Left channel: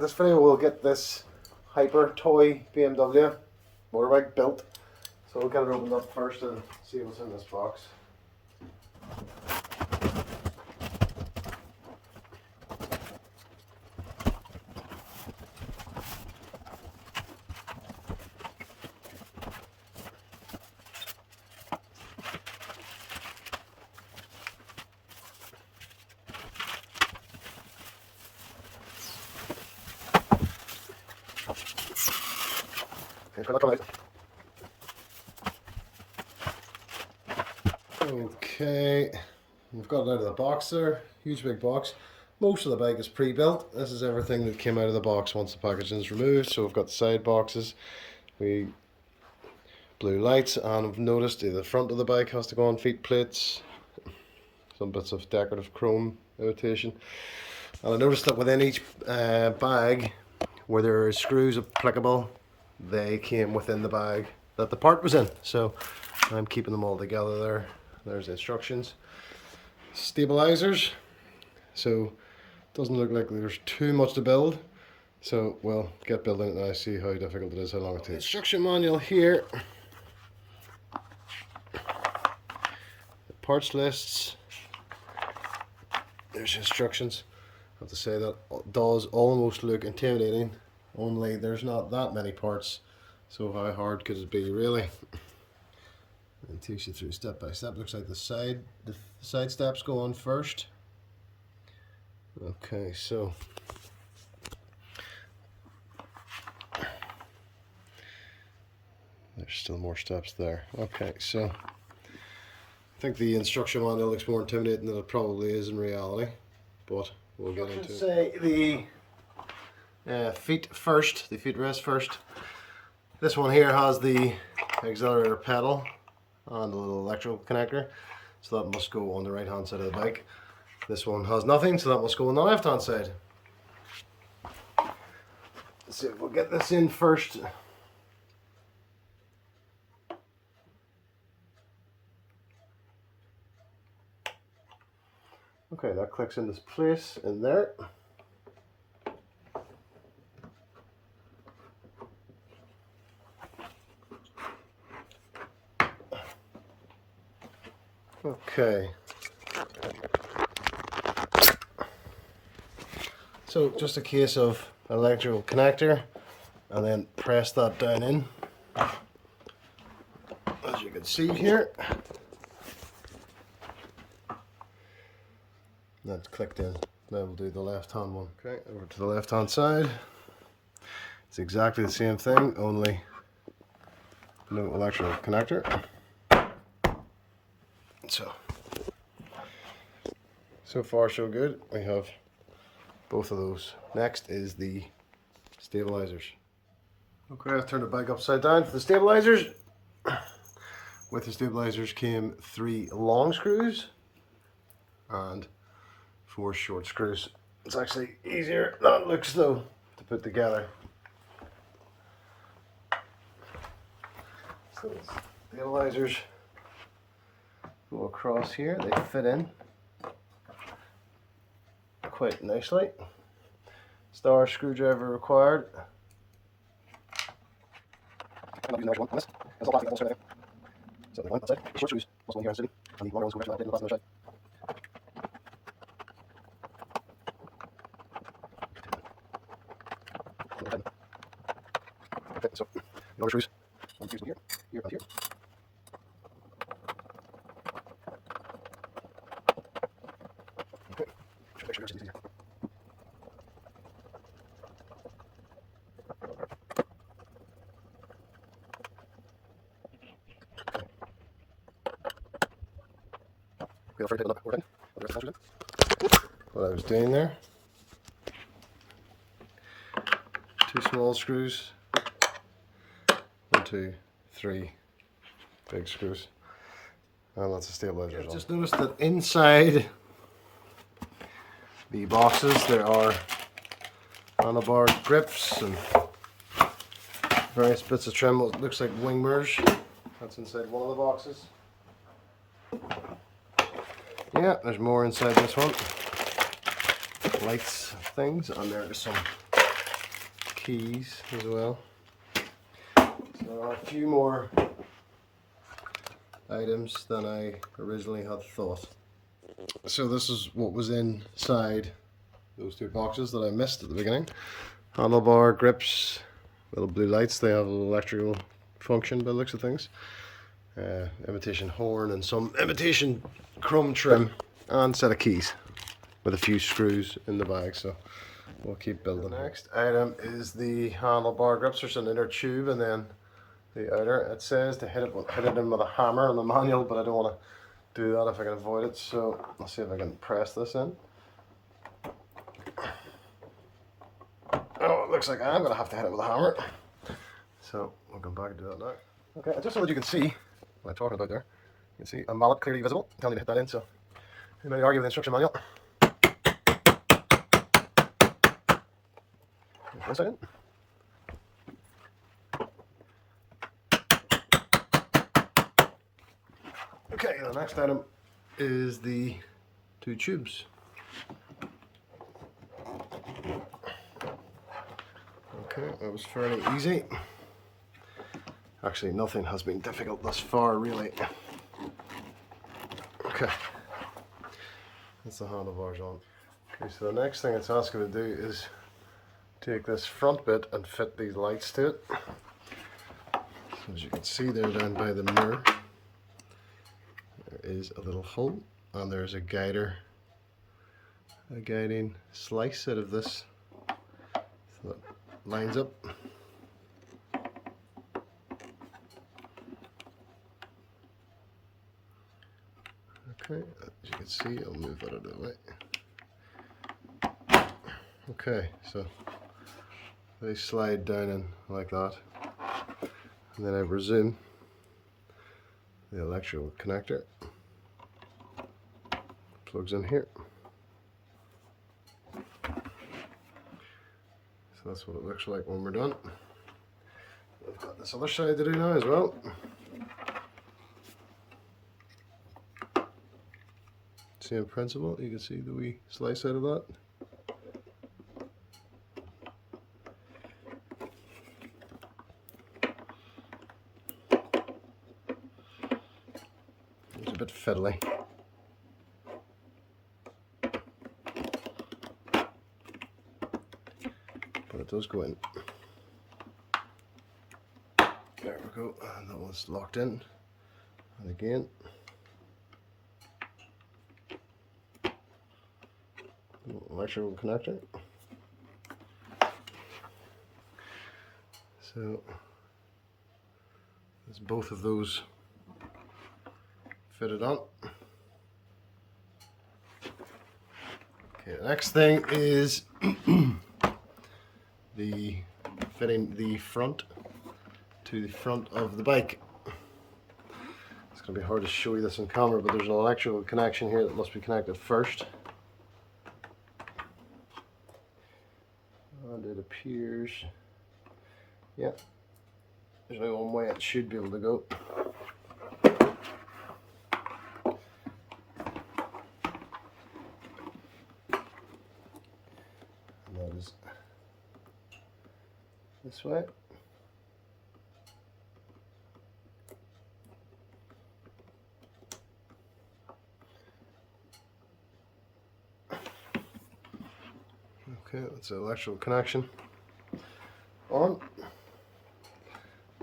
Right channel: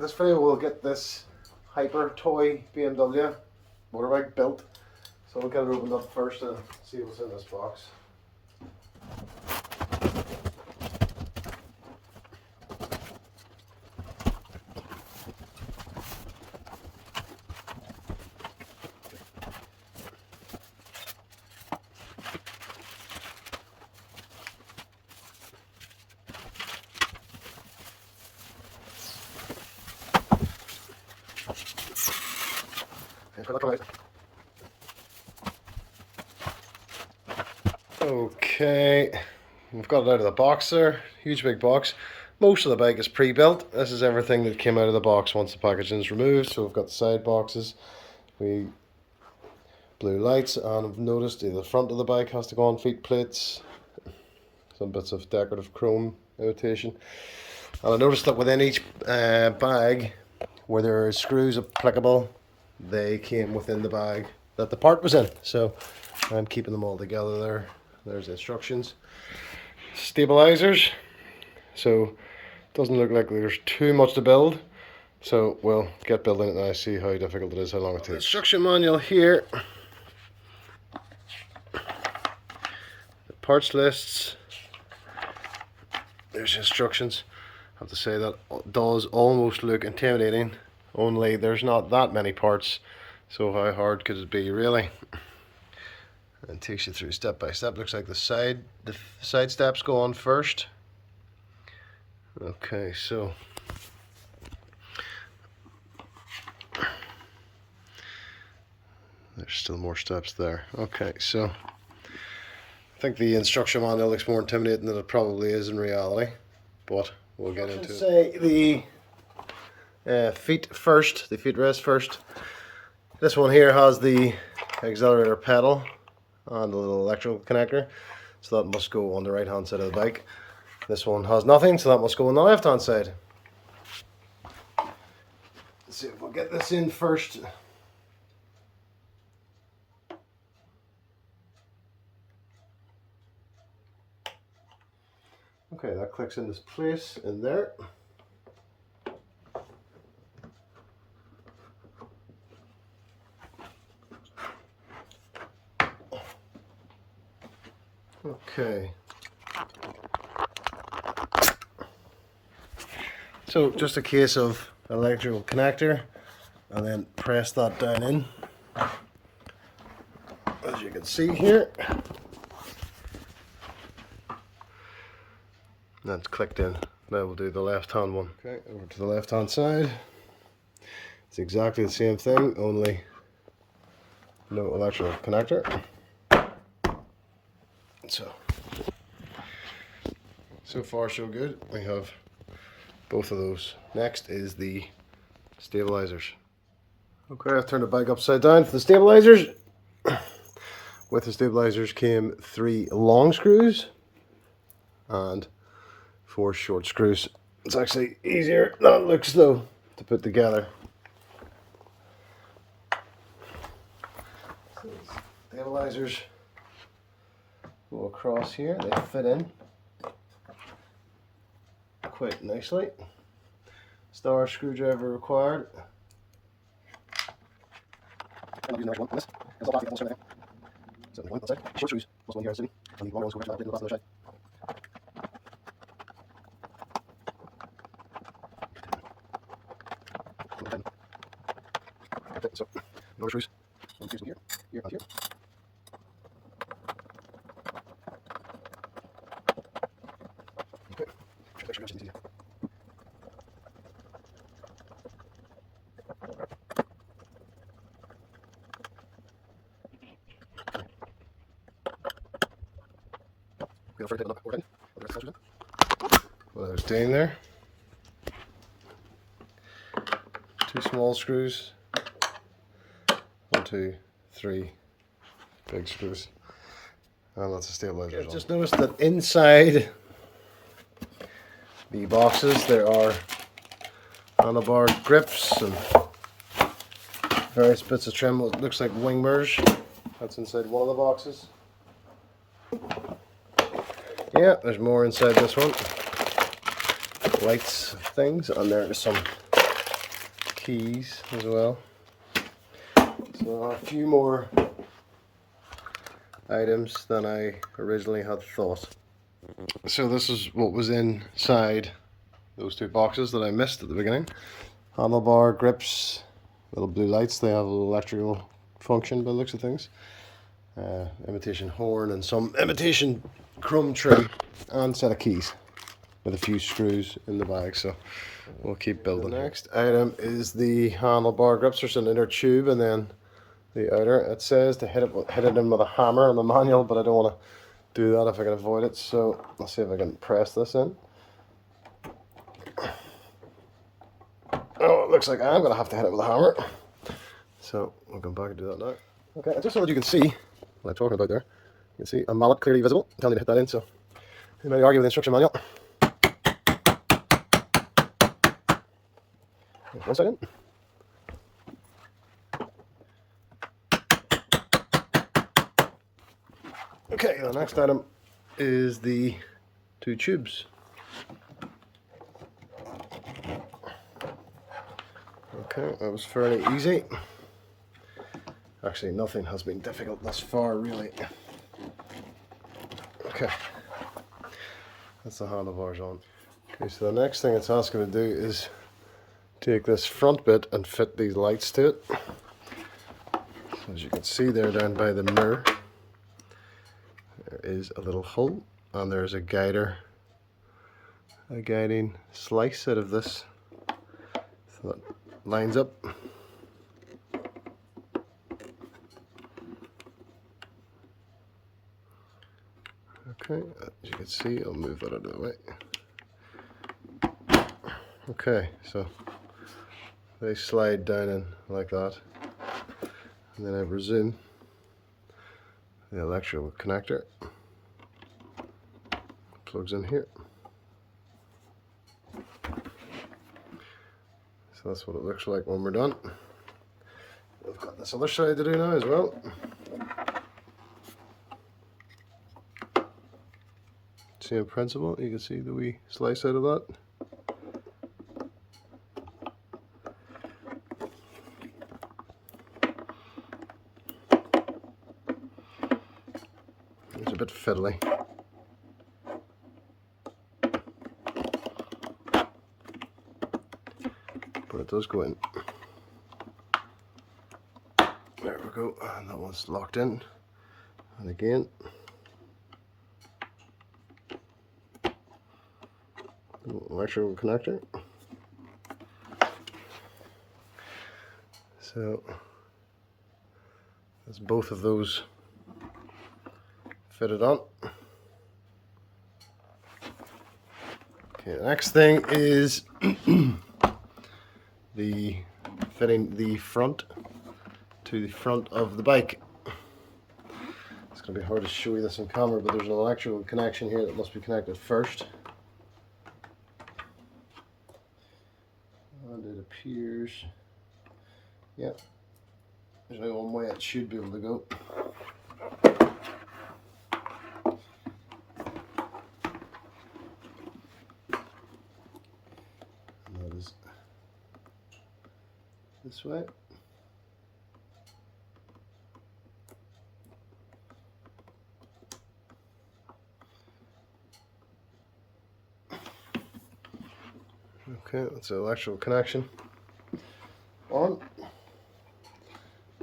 In this video we'll get this hyper toy BMW motorbike built. So we'll get it opened up first and see what's in this box. Okay, we've got it out of the box there. Huge big box. Most of the bike is pre-built. This is everything that came out of the box once the packaging is removed. So we've got the side boxes, blue lights, and I've noticed the front of the bike has to go on feet plates, some bits of decorative chrome imitation. And I noticed that within each bag, where there are screws applicable, they came within the bag that the part was in. So I'm keeping them all together there. There's instructions. Stabilizers. So doesn't look like there's too much to build. So we'll get building it now, see how difficult it is, how long it takes. Instruction manual here. The parts lists. There's instructions. I have to say that does almost look intimidating, only there's not that many parts, so how hard could it be really? And takes you through step by step. Looks like the side steps go on first. Okay, so there's still more steps there. Okay, so I think the instruction manual looks more intimidating than it probably is in reality, but we'll get into it. Say the feet first, the feet rest first. This one here has the accelerator pedal and the little electrical connector, so that must go on the right hand side of the bike. This one has nothing, so that must go on the left hand side. Let's see if we'll get this in first. Okay, that clicks into place in there. Okay. So just a case of electrical connector and then press that down in. As you can see here. That's clicked in. Now we'll do the left hand one. Okay, over to the left hand side. It's exactly the same thing, only no electrical connector. So far so good. We have both of those. Next is the stabilizers. Okay, I've turned the bike upside down for the stabilizers. With the stabilizers came 3 long screws and 4 short screws. It's actually easier than it looks though to put together. So the stabilizers go across here, they fit in quite nicely. Star screwdriver required. I'm using the right one on this. There's a plastic right there. So the one on that side. Short screws. Also one here on the city. And the longer ones go back to the last other side. Okay, so the other screws. One here, here, and here. Okay. Make sure that's easy. What I was doing there. 2 small screws. 1, 2, 3 big screws. And that's a stabilizer. Just noticed that inside the boxes there are handlebar grips and various bits of trim. It looks like wing mirrors. That's inside one of the boxes. Yeah, there's more inside this one. Lights, things, and there's some keys as well. So a few more items than I originally had thought. So this is what was inside those two boxes that I missed at the beginning. Handlebar, grips, little blue lights. They have a little electrical function by the looks of things. Imitation horn and some imitation chrome trim and set of keys with a few screws in the bag. So we'll keep building. The next item is the handlebar grips. There's an inner tube and then the outer. It says to hit it in with a hammer on the manual, but I don't want to do that if I can avoid it. So let's see if I can press this in. Oh, it looks like I'm going to have to hit it with a hammer. So we'll come back and do that now. Okay, just so that you can see what I'm talking about there. You can see a mallet clearly visible, telling me to hit that in, so you may argue with the instruction manual. One second. Okay, the next item is the two tubes. Okay, that was fairly easy. Actually, nothing has been difficult thus far, really. Okay, that's the handlebars on. Okay, so the next thing it's asking me to do is take this front bit and fit these lights to it. So as you can see there down by the mirror, there is a little hole and there's a guiding slice out of this, so that lines up. Okay, as you can see, I'll move that out of the way. Okay, so they slide down in like that, and then I presume the electrical connector plugs in here. So that's what it looks like when we're done. We've got this other side to do now as well. Same principle, you can see the wee slice out of that. It's a bit fiddly. But it does go in. There we go, and that one's locked in. And again, electrical connector. So that's both of those fitted on. Okay, the next thing is the fitting the front to the front of the bike. It's going to be hard to show you this on camera, but there's an electrical connection here that must be connected first. And it appears, yeah, there's only one way it should be able to go. And that is this way. Okay, that's the electrical connection on.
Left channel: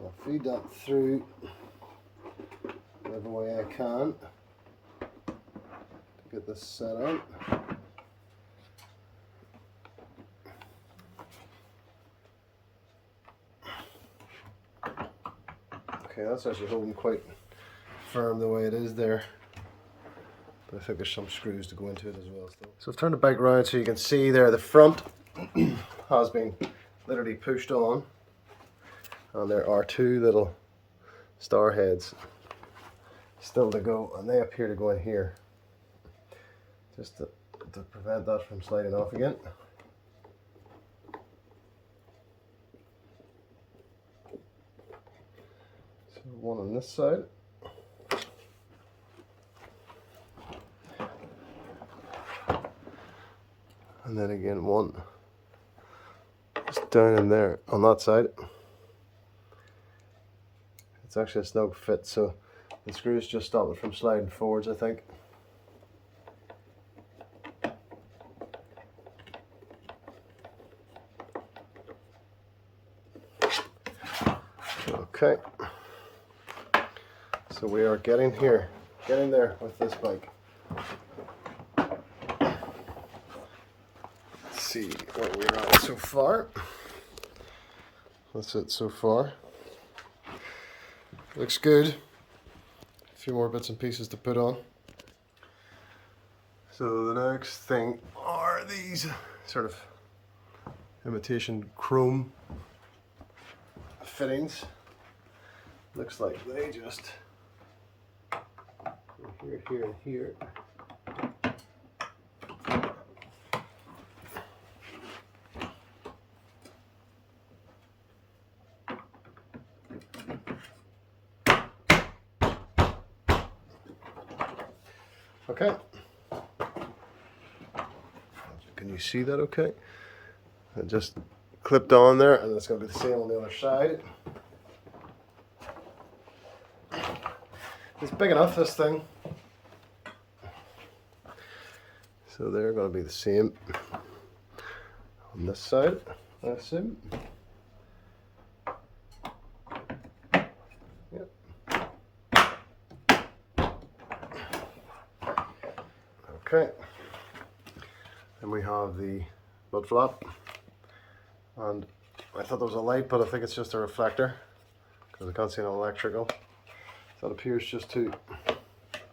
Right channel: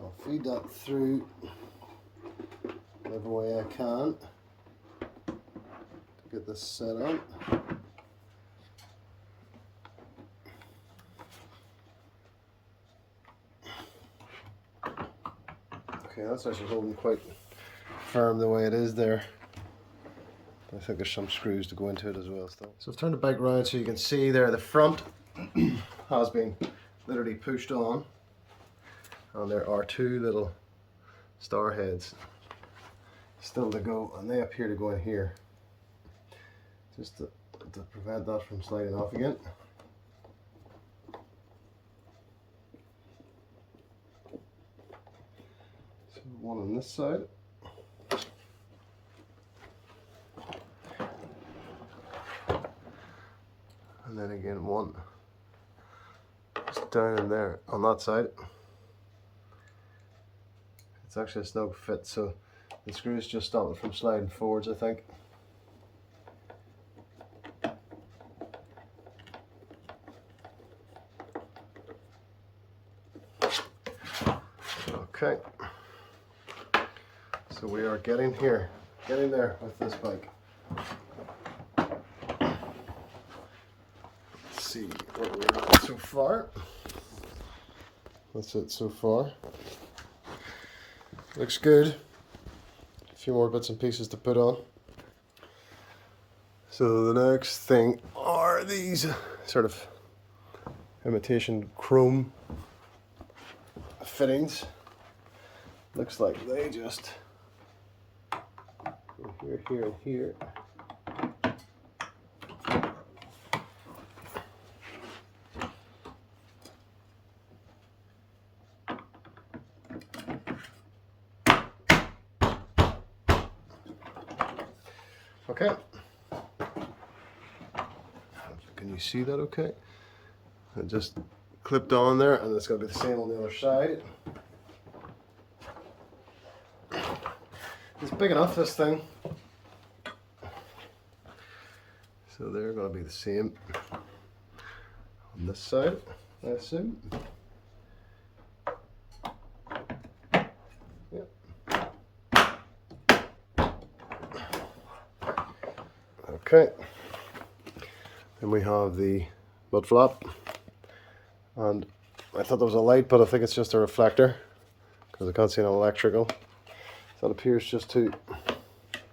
I'll feed that through whatever way I can to get this set on. Okay, that's actually holding quite firm the way it is there. I think there's some screws to go into it as well still. So I've turned the bike around so you can see there the front has been literally pushed on, and there are two little star heads still to go, and they appear to go in here just to prevent that from sliding off again. So one on this side. And then again one just down in there on that side. It's actually a snug fit, so the screws just stop it from sliding forwards, I think. Okay, so we are getting there with this bike. Let's see where we're at so far. That's it so far. Looks good. A few more bits and pieces to put on. So the next thing are these sort of imitation chrome fittings. Looks like they just here, here, and here. Okay. Can you see that okay? It just clipped on there, and it's going to be the same on the other side. It's big enough, this thing. So they're going to be the same on this side, I assume. Yep. Okay. Then we have the mud flap. And I thought there was a light, but I think it's just a reflector because I can't see an electrical. So it appears just to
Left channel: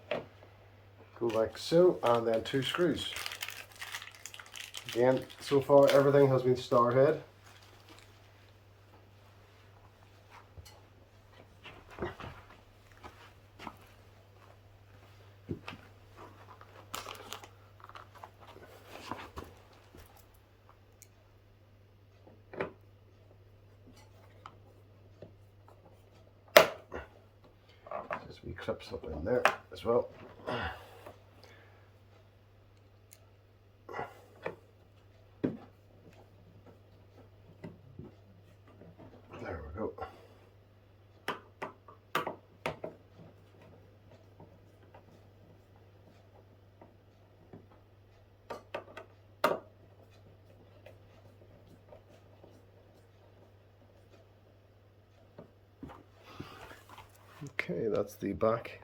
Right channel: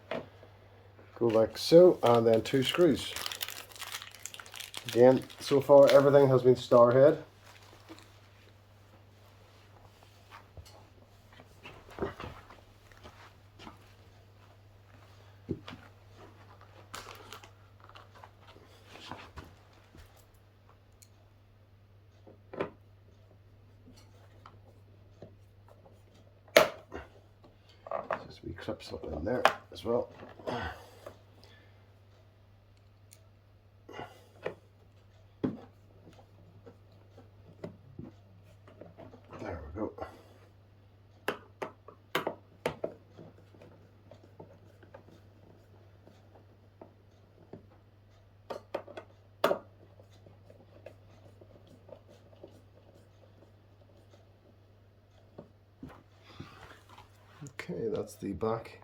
go like so, and then 2 screws. Again, so far everything has been star head. Just we clip something in there as well. There we go. Okay, that's the back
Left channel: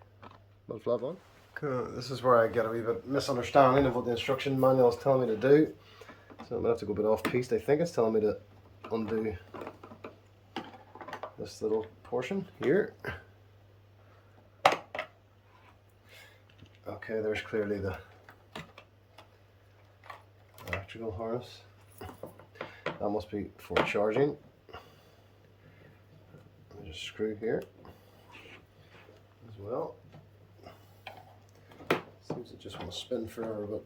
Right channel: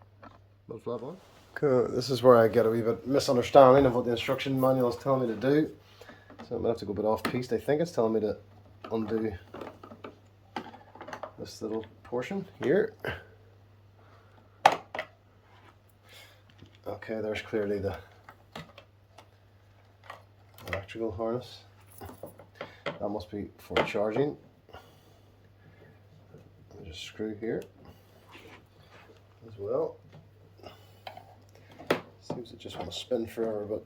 mud flap on. Cool. This is where I get a wee bit misunderstanding of what the instruction manual is telling me to do. So I'm going to have to go a bit off piste. I think it's telling me to undo this little portion here. Okay, there's clearly the electrical harness. That must be for charging. Just screw here as well. Seems to just want to spin forever, but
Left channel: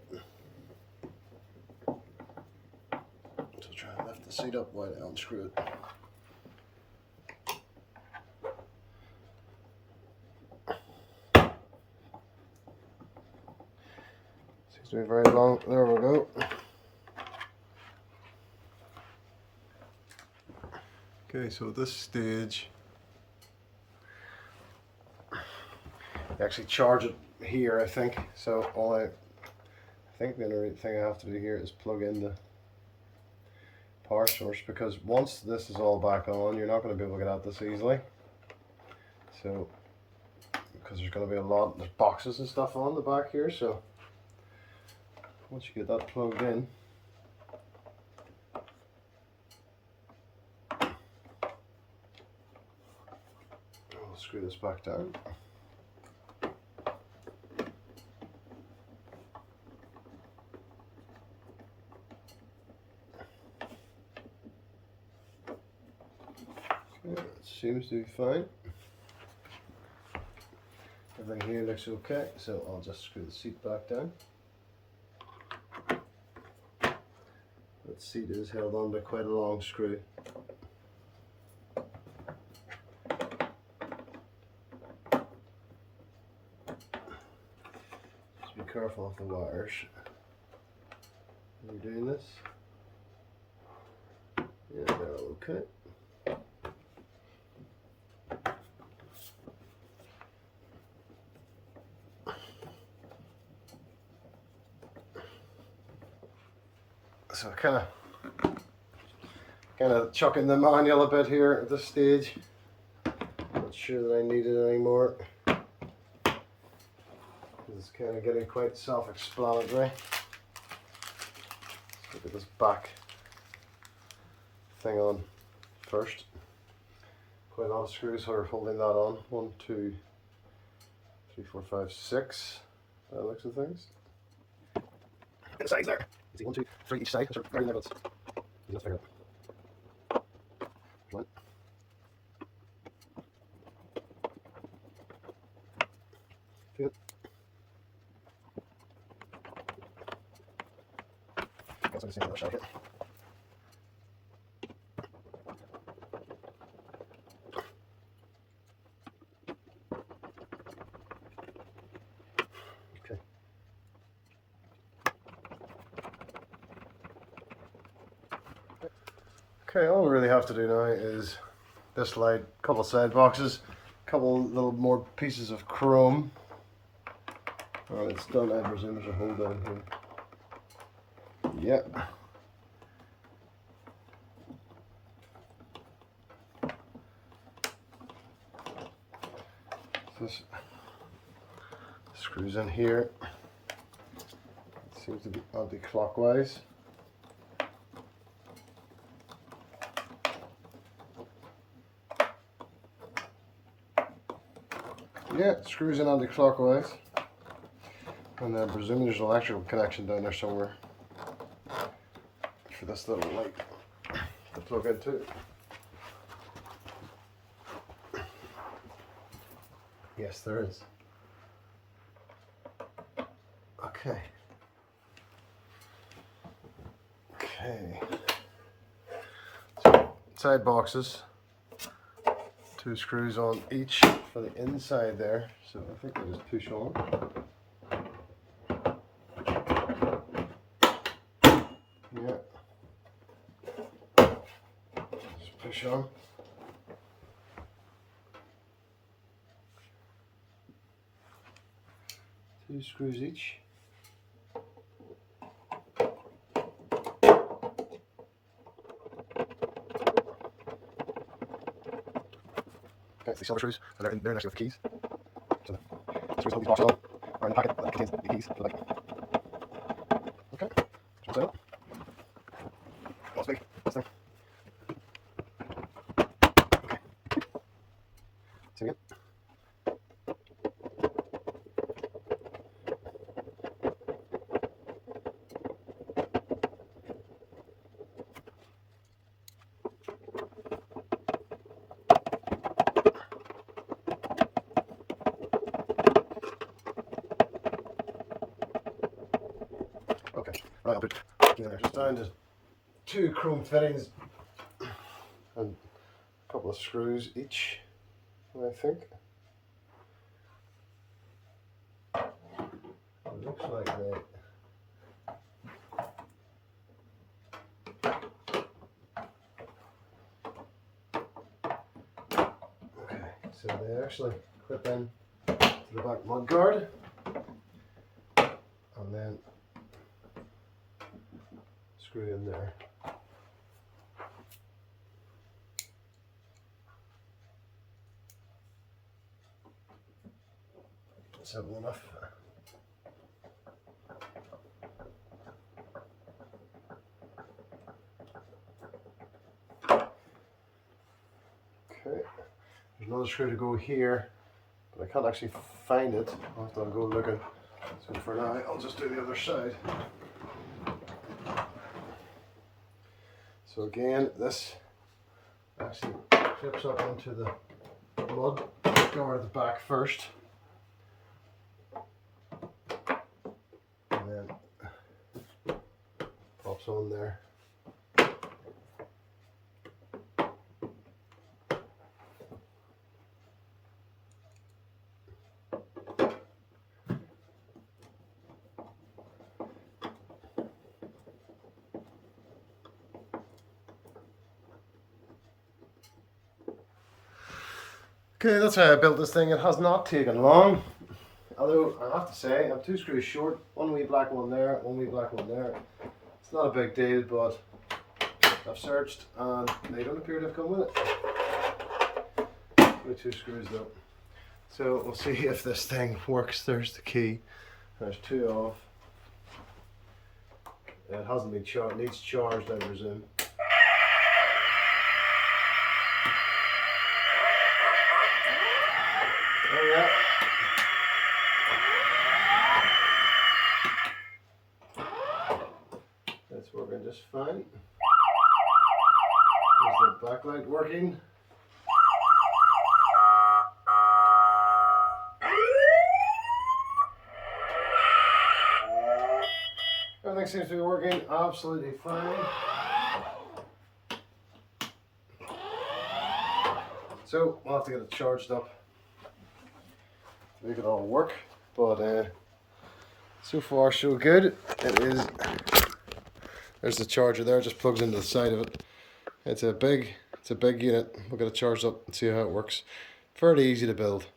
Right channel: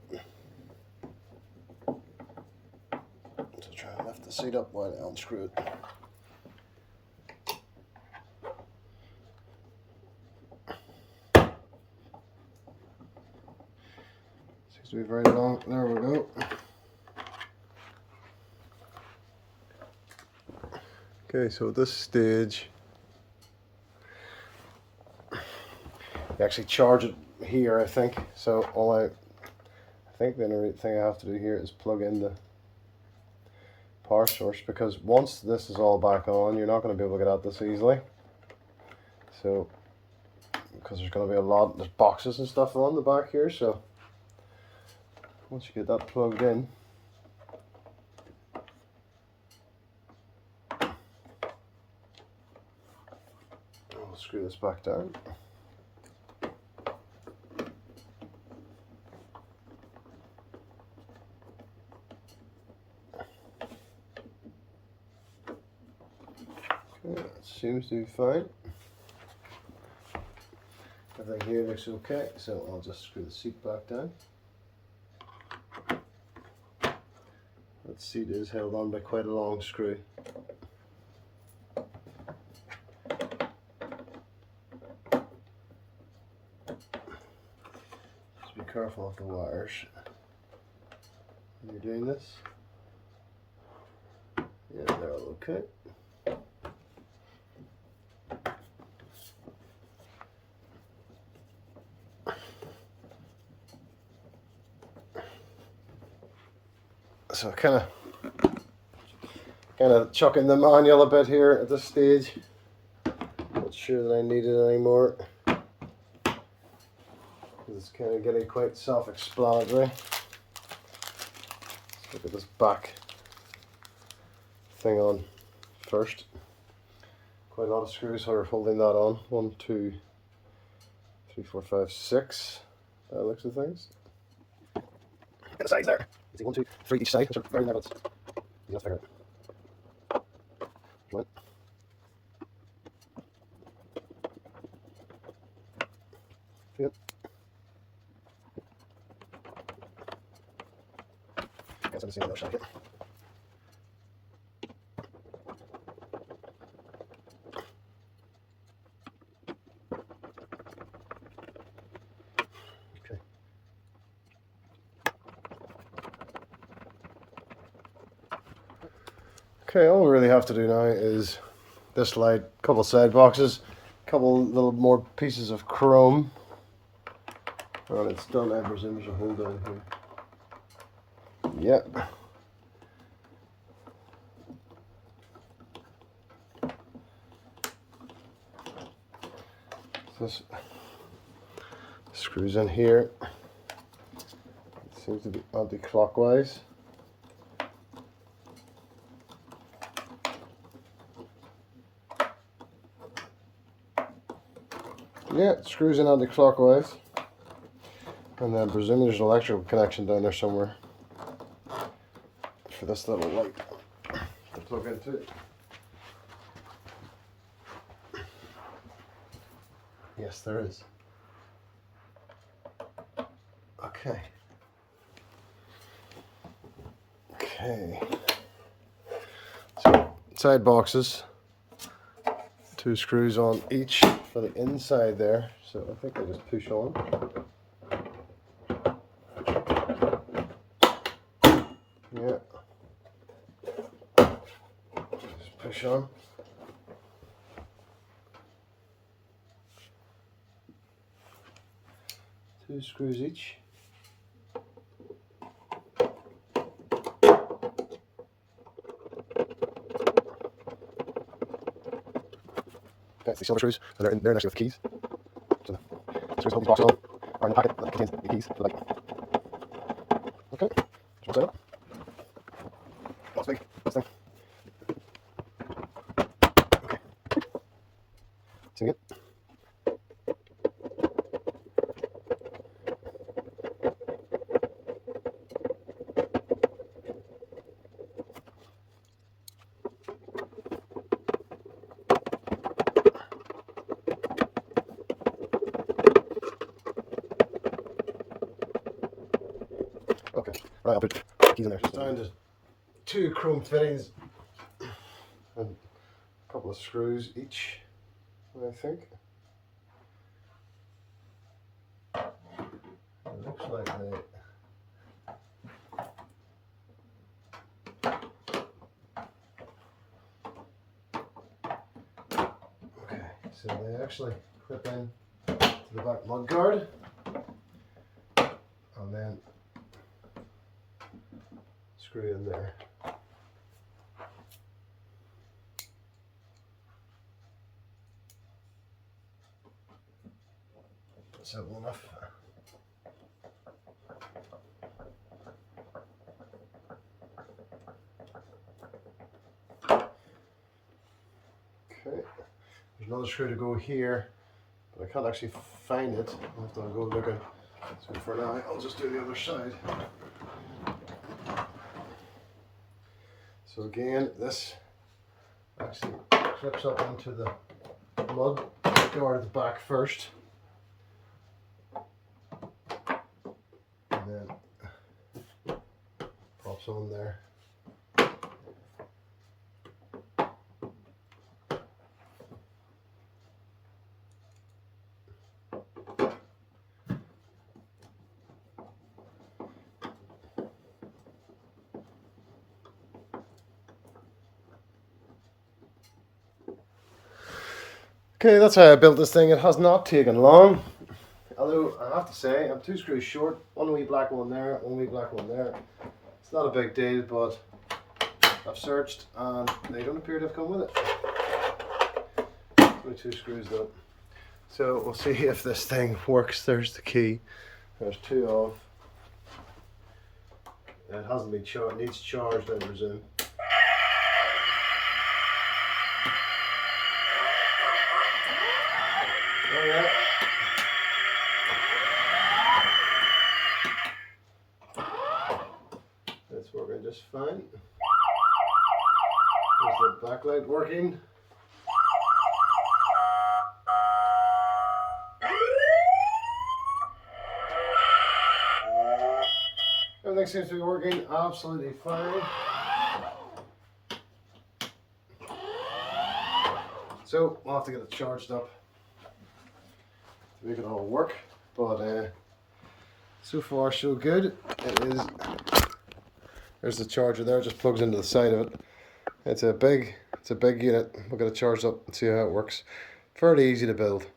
so try and lift the seat up while I unscrew it. Seems to be very long. There we go. Okay, so at this stage, you actually charge it here, I think. So I think the only thing I have to do here is plug in the power source, because once this is all back on, you're not going to be able to get at this easily. So, because there's going to be there's boxes and stuff on the back here, so once you get that plugged in, we'll screw this back down. Okay, that seems to be fine. Everything here looks okay, so I'll just screw the seat back down. That seat is held on by quite a long screw. Just be careful of the wires when you're doing this. Yeah, they're all okay. So kind of chucking the manual a bit here at this stage. Not sure that I need it anymore. It's kind of getting quite self-explanatory. Let's look at this back thing on first. Quite a lot of screws are holding that on. 1, 2, 3, 4, 5, 6. That looks of things. The sides there. You see 1, 2, 3 each side, which are very level. Let's figure it. Right. Yep. Guess I'll see another shot here. Okay, all we really have to do now is this light, couple side boxes, couple little more pieces of chrome, and it's done. I presume there's a hole down here. Yep. This screws in here. It seems to be anti-clockwise. Yeah, it screws in anti-clockwise. And then presumably there's an electrical connection down there somewhere for this little light to plug into. Yes, there is. Okay. Okay. So side boxes. 2 screws on each for the inside there. So I think I just push on. Yeah. Just push on. Two screws each. That's the silver screws, and they're in there next to the keys. So the screws hold these boxes on, are in the packet that contains the keys for the light. Okay, just one side up. That's big, this thing. Okay. Same again. Okay, right, I'll put the keys in there. Just down to 2 chrome fittings and a couple of screws each, I think. It looks like they... Okay, so they actually clip in to the back mud guard, and then screw in there. Simple enough. Okay, there's another screw to go here, but I can't actually find it. I'll have to go looking. So for now, I'll just do the other side. So again, this actually clips up into the mud guard at the back first, and then pops on there. Okay, that's how I built this thing. It has not taken long. Although, I have to say, I'm 2 screws short. One wee black one there, one wee black one there. It's not a big deal, but I've searched and they don't appear to have come with it. Only 2 screws though. So we'll see if this thing works. There's the key. There's 2 off. It hasn't been charged, needs charged, I presume. Oh yeah. That's working just fine. There's the backlight working. Everything seems to be working absolutely fine. So we'll have to get it charged up to make it all work. But so far so good. It is. There's the charger there. It just plugs into the side of it. It's a big unit. We'll get it charged up and see how it works. Fairly easy to build.